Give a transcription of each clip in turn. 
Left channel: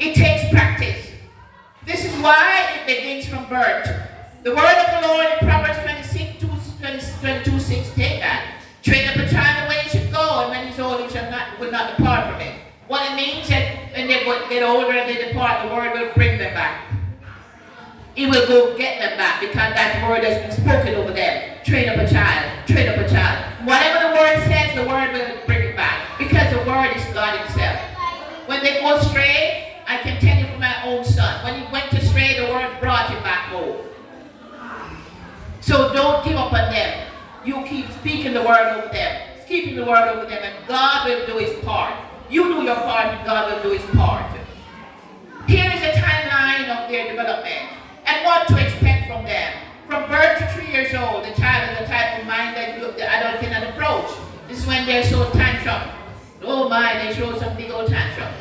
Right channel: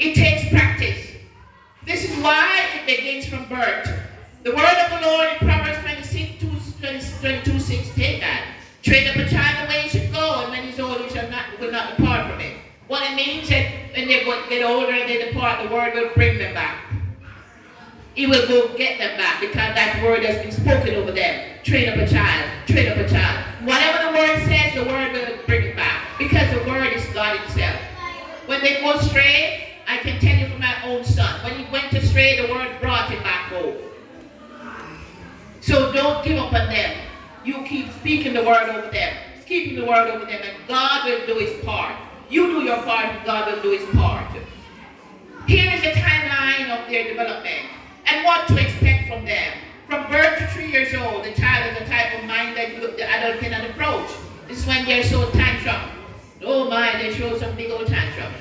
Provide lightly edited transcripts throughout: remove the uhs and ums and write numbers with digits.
It takes practice. This is why it begins from birth. The word of the Lord in Proverbs 26, 22, 6, take that. Train up a child the way he should go, and when he's old, will not depart from it. Well, it means that when they get older and they depart, the word will bring them back. He will go get them back because that word has been spoken over them. Train up a child, train up a child. Whatever the word says, the word will bring it back because the word is God himself. When they go astray, I can tell you from my own son. When he went astray, the word brought him back home. So don't give up on them. You keep speaking the word over them, keeping the word over them, and God will do his part. You do your part, and God will do his part. Here is a timeline of their development and what to expect from them. From birth to 3 years old, the child is the type of mind that the adult cannot approach. This is when they're so tantrum. Oh my, they show some big old tantrum.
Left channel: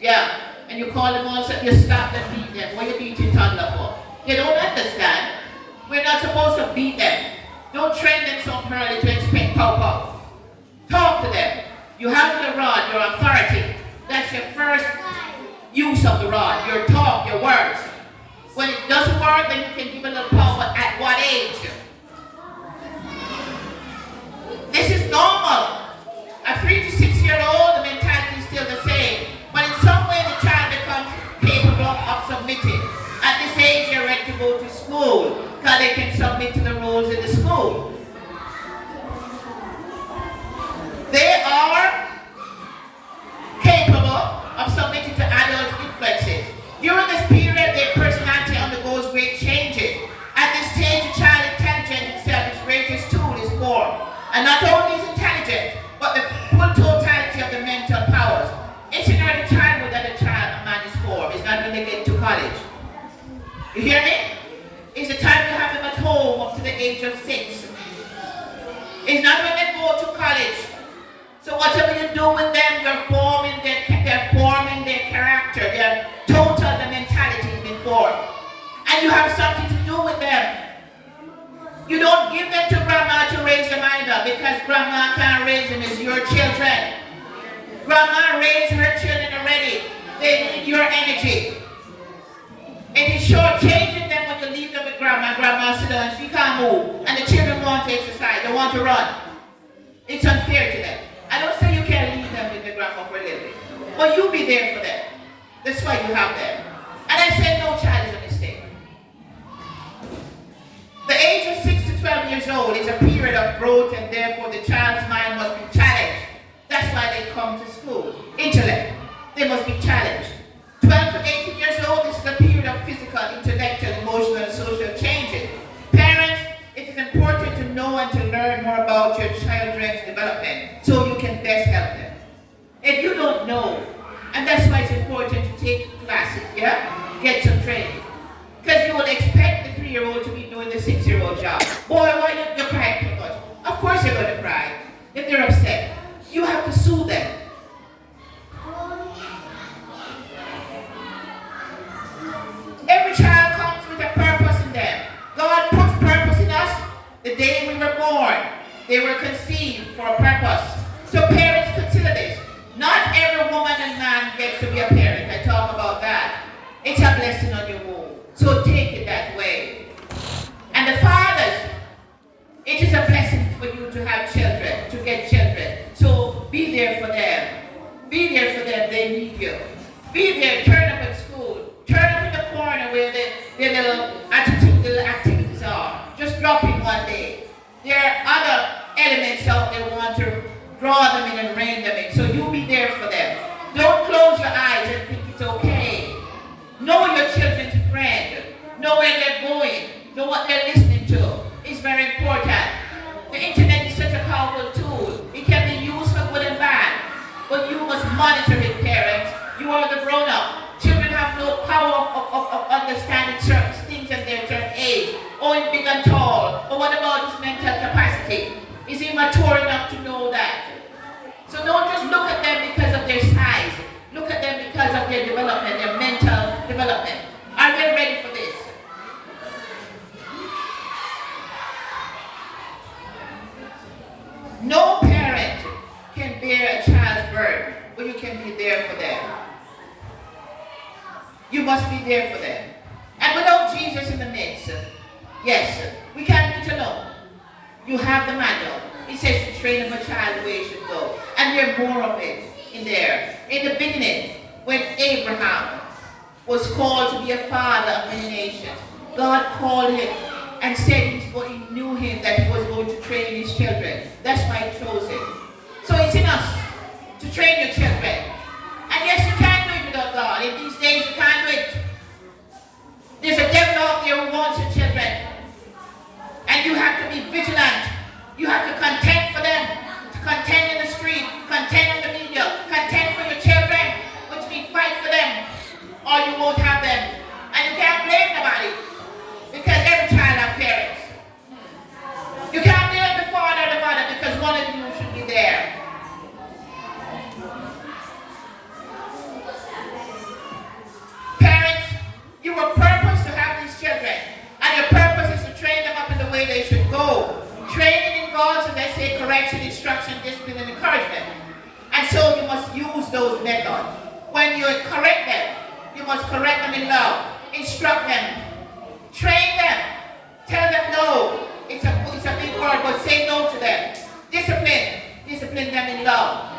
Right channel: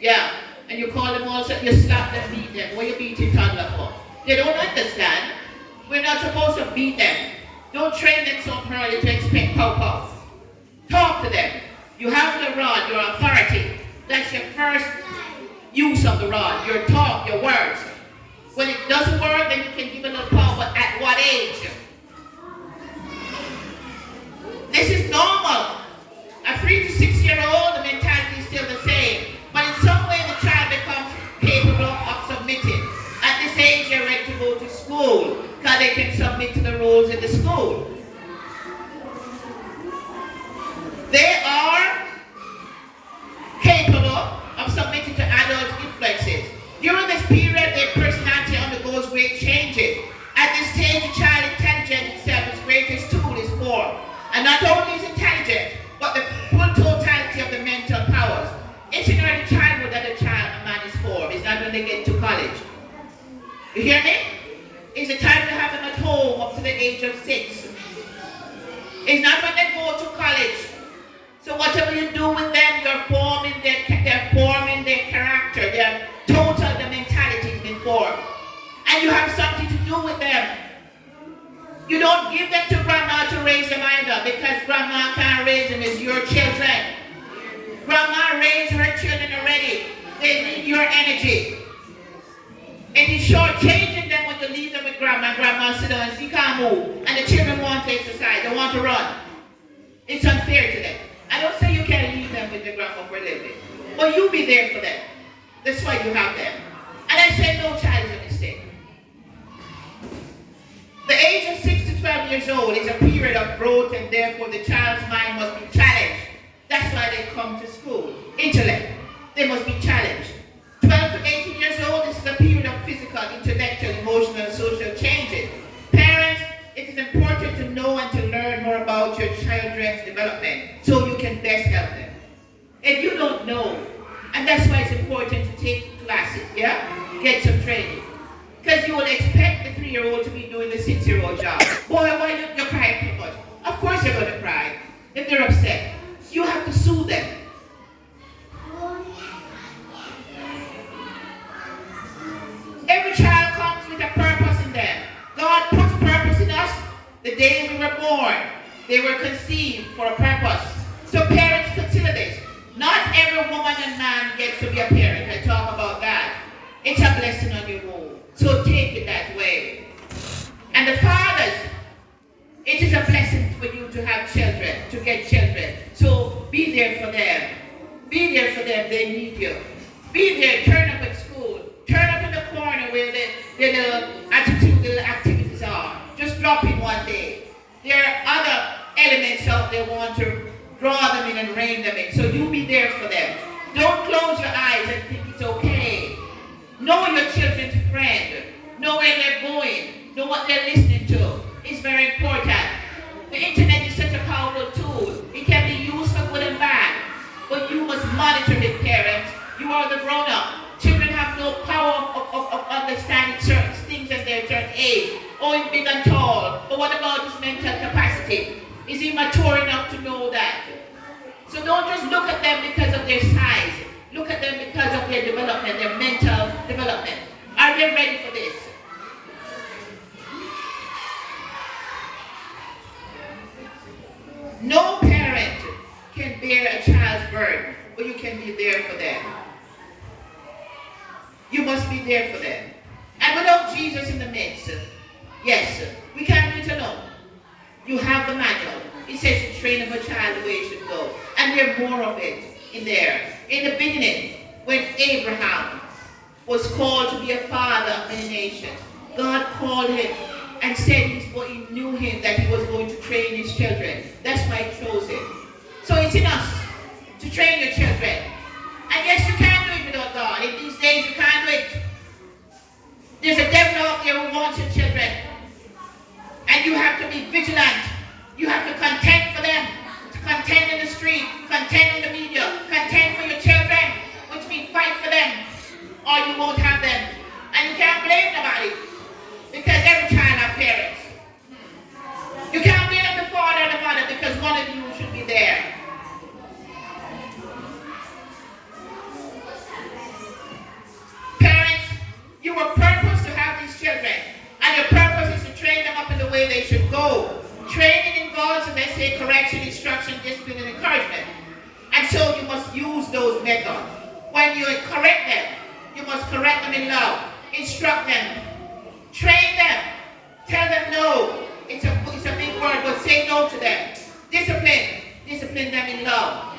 Yeah, and you call them also, you stop them, beat them. What are you beating toddler for? They don't understand. We're not supposed to beat them. Don't train them so early to expect pow-pow. Talk to them. You have the rod, your authority. That's your first use of the rod, your talk, your words. When it doesn't work, then you can give a little power, but at what age? This is normal. A 3 to 6 year old, the mentality is still the same. But in some way, the child becomes capable of submitting. At this age, they're ready to go to school because they can submit to the rules in the school. They are capable of submitting to adult influences. During this period, their personality undergoes great changes. At this stage, the child intelligence itself, its greatest tool is formed. And not only is intelligent, but the full totality of the mental powers. It's in early childhood that a man is formed. It's not when they get to college. You hear me? It's the time to have them at home up to the age of 6. It's not when they go to college. So whatever you do with them, they're forming their character. Their total, the mentality has been formed. And you have something to do with them. You don't give them to grandma to raise them either, because grandma can't raise them. It's your children. Grandma raised her children already. They need your energy. It is shortchanging them when you leave them with grandma. Grandma sit down and she can't move. And the children want to exercise. They want to run. It's unfair to them. I don't say you can't leave them with the grandma for a little bit. But you be there for them. That's why you have them. And I say no child is a mistake. The age of 6 to 12 years old is a period of growth, and therefore the child's mind must be challenged. That's why they come to school. Intellect. They must be challenged. 12 to 18 years old, this is a period of physical, intellectual, emotional, and social changes. Parents, it is important to know and to learn more about your children's development so you can best help them. If you don't know, and that's why it's important to take classes, yeah? Get some training. Because you will expect the 3-year-old to be doing the 6-year-old job. Boy, why you're crying too much? Of course you're going to cry if they're upset. You have to soothe them. Every child comes with a purpose in them. God puts purpose in us the day we were born. They were conceived for a purpose. So parents, consider this. Not every woman and man gets to be a parent. I talk about that. It's a blessing on your womb. So take it that way. And the fathers, it is a blessing for you to have children, to get children. So be there for them. Be there for them. They need you. Be there. Turn up at school. Turn up in the corner where the little activities are. Just drop in one day. There are other elements out there want to draw them in and rein them in. So you be there for them. Don't close your eyes and think it's okay. Know your children's friend. Know where they're going. Know what they're listening to. It's very important. The internet is such a powerful tool. It can be used for good and bad. But you must monitor it, parents. You are the grown-up. Children have no power of understanding certain things at their certain age. Oh, he's big and tall. But what about his mental capacity? Is he mature enough to know that? So don't just look at them because of their size. Look at them because of their development, their mental development. Are they ready for this? No parent can bear a child's burden, but you can be there for them. You must be there for them. And without Jesus in the midst, yes, we can't do it alone. You have the manual. It says to train up a child the way he should go. And there's more of it in there. In the beginning, when Abraham was called to be a father of many nations, God called him and said he knew him, that he was going to train his children. That's why he chose him. So it's in us to train your children. And yes, you can't do it without God. In these days, you can't do it. There's a devil out there who wants your children. And you have to be vigilant. You have to contend for them. Contend in the street. Contend in the media. Contend for your children. Which means fight for them. Or you won't have them. And you can't blame nobody. Because every child has parents. You can't blame the father and the mother, because one of you should be there. Parents, you were purposed to have these children. And your purpose is to train them up in the way they should go. Training involves, as they say, correction, instruction, discipline, and encouragement. And so you must use those methods. When you correct them, you must correct them in love. Instruct them. Train them. Tell them no. It's a big word, but say no to them. Discipline them in love.